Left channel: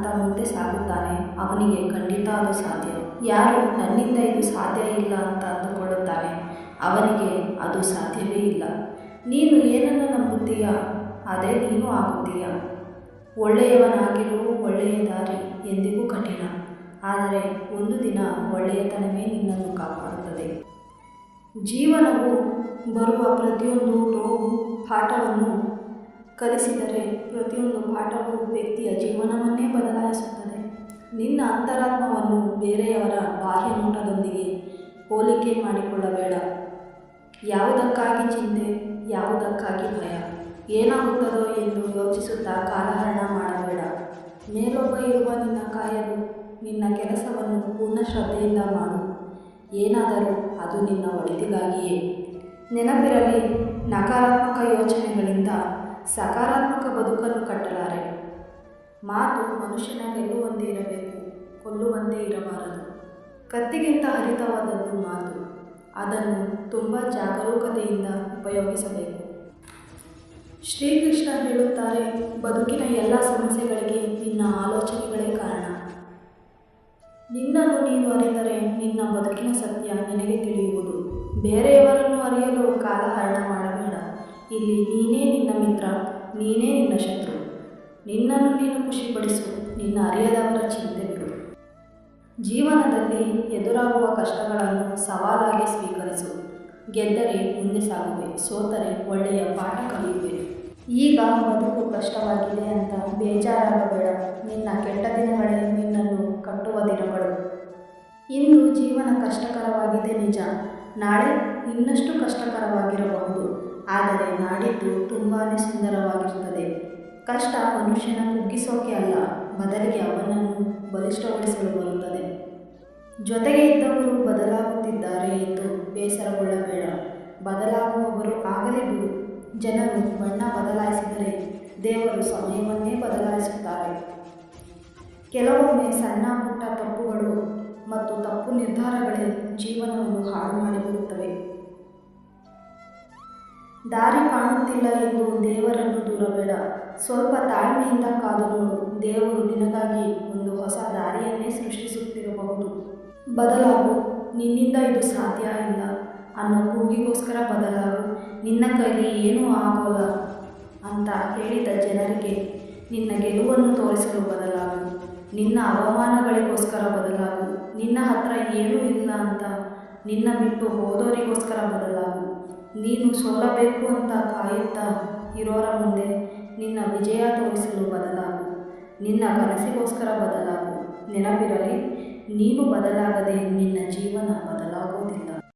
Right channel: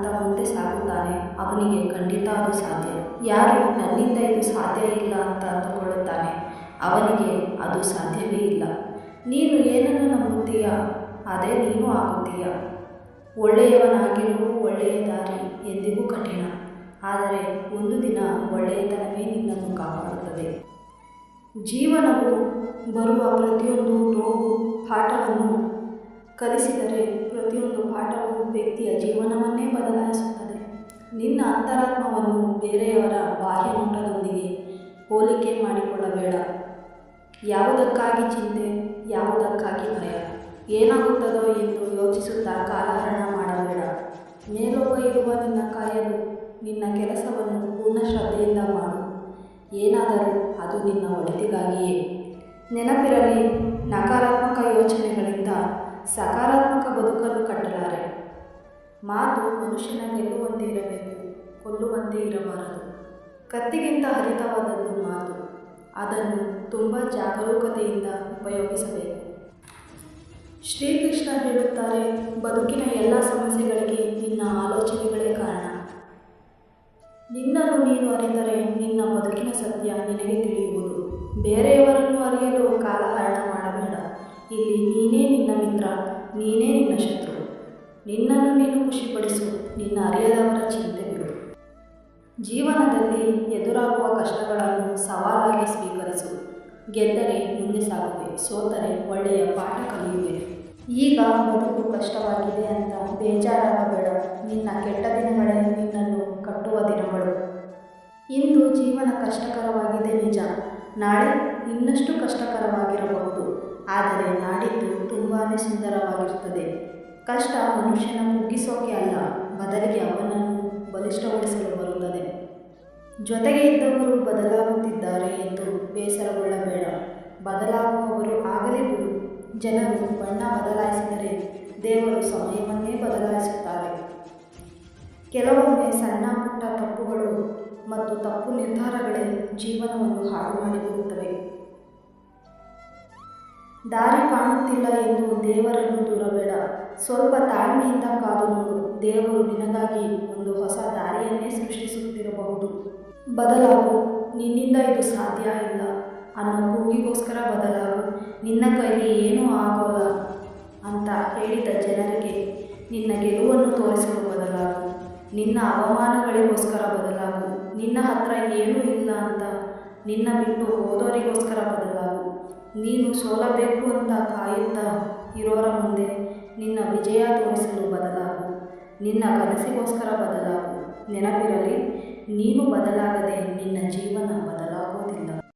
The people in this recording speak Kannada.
ಅಂತ ಮುಂದೆ ಸಾಗುತ್ತಾನೆ ಅವನಿಗೆ ಖಂಡಿತ ಅದು ಸಾಧ್ಯ. ಯಾರು ನನ್ನಿಂದ ಇದು ಸಾಧ್ಯ ಇಲ್ಲ ಅಂತ ಅಂದುಕೊಳ್ಳುತ್ತಾನೆ ಅವನಿಗೆ ಅದು ಸಾಧ್ಯವೇ ಇಲ್ಲ. ನೀನು ಏನನ್ನು ನಂಬುತ್ತೀಯ ಅದೇ ನೀನು ಆಗುತ್ತೀಯ. ಒಳ್ಳೆಯವನಾಗಿರು, ಒಳ್ಳೆಯ ದಾರಿ ಎಂದಿಗೂ ಕಠಿಣ, ಆದರೆ ಒಂದು ದಿನ ಒಳ್ಳೆಯತನವೇ ನಿನ್ನನ್ನು ಕಾಪಾಡುತ್ತದೆ. ಜೀವನವು ಬರುವ ಪ್ರತಿಯೊಂದು ನೋವು ಪಾಠವನ್ನು ಕಲಿಸಿದರೆ ಪ್ರತಿಯೊಂದು ಪಾಠವು ವ್ಯಕ್ತಿಯ ಜೀವನವನ್ನೇ ಬದಲಾಯಿಸುತ್ತದೆ. ನಿನ್ನ ಅಂತರಾತ್ಮವನ್ನು ಬೇರೆಯವರ ಬಾಹ್ಯ ನೋಟದೊಂದಿಗೆ ಹೋಲಿಕೆ ಮಾಡಿಕೊಳ್ಳಬೇಡ. ಯಾವುದಕ್ಕಾಗಿ ಚಿಂತೆ, ಯಾವುದಕ್ಕಾಗಿ ಭಯ, ಏನಾಗುತ್ತದೋ ಎಂದು ಯೋಚಿಸುತ್ತಾ ಕಾಲಹರಣ ಮಾಡಬೇಡ. ಮೇಲೊಬ್ಬ ಇರುವ ನಿನ್ನ ಕಾಯಲು ನಿನ್ನ ಕೆಲಸವನ್ನು ಪೂರ್ಣ ಶ್ರದ್ಧೆಯಿಂದ ಮಾಡು. ಏನಾದರೂ ಅದು ನಿನ್ನ ಒಳಿತಿಗಾಗಿಯೇ. ನೆನಪಿರಲಿ, ನಕಾರಾತ್ಮಕ ಯೋಚನೆಗಳಿಂದ ಸಕಾರಾತ್ಮಕ ಬದುಕನ್ನು ಕಟ್ಟಲಾರೆ. ಮಾತು ಮನುಷ್ಯನ ಗೆಲ್ಲುವಂತೆ ಇರಬೇಕು, ಕೊಲ್ಲುವಂತೆ ಇರಬಾರದು. ಕತ್ತಿಗಿಂತ ಹರಿತವಾದದ್ದು ಮಾತು. ಅದನ್ನು ತುಂಬ ಜಾಗರೂಕತೆಯಿಂದ ಉಪಯೋಗಿಸಬೇಕು. ಶ್ರೀಕೃಷ್ಣ ಹೇಳುತ್ತಾರೆ, ಬದುಕಿನ ಎಲ್ಲ ಸಮಸ್ಯೆಗಳಿಗೆ ನಿನ್ನ ಆಲೋಚನೆಗಳೇ ಕಾರಣ. ನಿನ್ನನ್ನು ನೀನು ಅರಿತರೆ ನಿನ್ನ ಬದುಕಿನ ಸತ್ಯ ನಿನಗೆ ತಿಳಿಯುವುದು. ಬೇರೆಯವರನ್ನು ಅರಿಯಲು ಕಾಲಹರಣ ಮಾಡಬೇಡ. ಇಲ್ಲಿ ನೀನೇ ನಿನ್ನ ಮಿತ್ರ, ನೀನೇ ನಿನ್ನ ಶತ್ರು. ನಿನ್ನನ್ನು ನೀನು ಖುಷಿಪಡಿಸು, ನಿನ್ನ ಅರಿಯದವರ ಚಿಂತೆ ಬಿಡು. ಜೀವನದಲ್ಲಿ ಎದುರಾಗುವ ಕಷ್ಟಗಳನ್ನು ಸವಾಲಾಗಿ ಸ್ವೀಕರಿಸು. ಗೆದ್ದರೆ ಮುಂದೆ ಸಾಗುವೆ, ಸೋತರೆ ಒಳ್ಳೆಯ ಪಾಠ ಕಲಿಯುವೆ. ಈಗ ಬದುಕು ಕಷ್ಟವಾಗಿದೆ ಅಂತ ಬೇಜಾರಾಗಬೇಡ. ನಿನ್ನ ಕೆಟ್ಟ ದಿನಗಳೇ ನಿನ್ನನ್ನು ಕಟ್ಟುವ ದಿನಗಳು. ಇಂದು ಜೀವನ ಕಷ್ಟಕರವಾಗಿದೆ ನಿಜ, ನಾಳೆ ಇನ್ನಷ್ಟು ಕಷ್ಟಕರವಾಗಿರಬಹುದು. ಆದರೆ ನಾಡಿದ್ದು ತುಂಬಾ ಸುಂದರವಾಗಿರುತ್ತದೆ. ಕಷ್ಟ ಮನುಷ್ಯನ ಕುಗ್ಗಿಸೋಕೆ ಅಲ್ಲ, ಬದಲಿಗೆ ಅವನನ್ನು ಬಲಿಷ್ಠಗೊಳಿಸಲು ಬರುತ್ತದೆ. ಜೊತೆಗೆ ಇದ್ದವರು ಬದಲಾಗುತ್ತಿದ್ದಾರೆ ಎಂದು ಬೇಸರಗೊಳ್ಳಬೇಡ. ಬದಲಾಗುವವರು ಆಗಲೇ ಬಿಡು. ಜನರು ಬಣ್ಣ ಬದಲಾಯಿಸಿದರೆ ದೇವರು ಸಮಯವನ್ನೇ ಬದಲಾಯಿಸುತ್ತಾರೆ. ಕೆಲವೊಮ್ಮೆ ಸಣ್ಣ ಪುಟ್ಟ ತಪ್ಪುಗಳು ಮತ್ತು ತಪ್ಪು ನಿರ್ಧಾರಗಳೇ ಜೀವನವನ್ನು ಹಾಳು ಮಾಡಿಬಿಡುತ್ತವೆ. ದಾರಿ ಕಾಣುತ್ತಿಲ್ಲ ಎಂದು ದೇವರನ್ನು ದೂರಬೇಡ. ಸ್ವಲ್ಪ ತಾಳ್ಮೆಯಿಂದ ಕಾದು ನೋಡು. ದೇವರು ನಿನಗಾಗಿ ಒಂದು ಹೊಸ ದಾರಿಯನ್ನೇ ಸೃಷ್ಟಿಸುತ್ತಿರಬಹುದು. ಬದಲಾಗು. ನಿನ್ನಿಂದ ಇದು ಸಾಧ್ಯ ಇಲ್ಲ ಅನ್ನೋ ಕೂಗಿಗೋಸ್ಕರ ಬದಲಾಗು. ನಿನ್ನ ಕೈಲಿ ಏನೂ ಆಗೋಲ್ಲ ಅಂತ ಹೇಳಿದ ಜನರಿಗೆ ನಿನ್ನ ಗೆಲುವನ್ನು ತೋರಿಸಲು ಬದಲಾಗು. ನಿನ್ನ ಅವಮಾನಗಳಿಗೋಸ್ಕರ ಬದಲಾಗು. ನಿನ್ನ ಹತ್ರ ಏನೂ ಇಲ್ಲ ಅಂತ ನಿನ್ನ ಬಿಟ್ಟು ಹೋದವರಿಗೋಸ್ಕರ ಬದಲಾಗು. ನೀನು ಸೋಲಬೇಕು ಅಂತ ಕಾಯುತ್ತಾ ಇರೋರ ಮುಂದೆ ನಿನ್ನ ವಿಜಯ ತೋರಿಸಲು ಬದಲಾಗು. ನಿನ್ನ ಕನಸಿಗೋಸ್ಕರ ಬದಲಾಗು. ನೆನಪಿರಲಿ, ನೀನು ಬದಲಾಗದೆ ನಿನ್ನ ಜೀವನ ಬದಲಾಗೋದಿಲ್ಲ.